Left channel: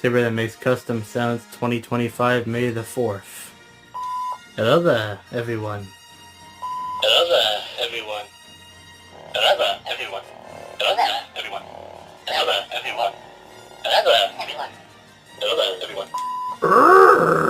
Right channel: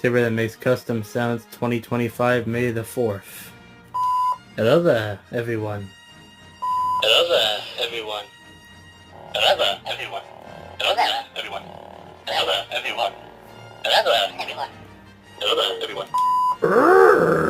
Timber that makes custom sounds 2025 May the 4th. Hello there, everyone. Hello there, everyone. Hello there, everyone. Hello there, everyone. Hello there, everyone. Hello there, everyone. Hello there, everyone.